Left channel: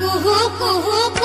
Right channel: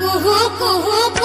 Hook, hook, hook,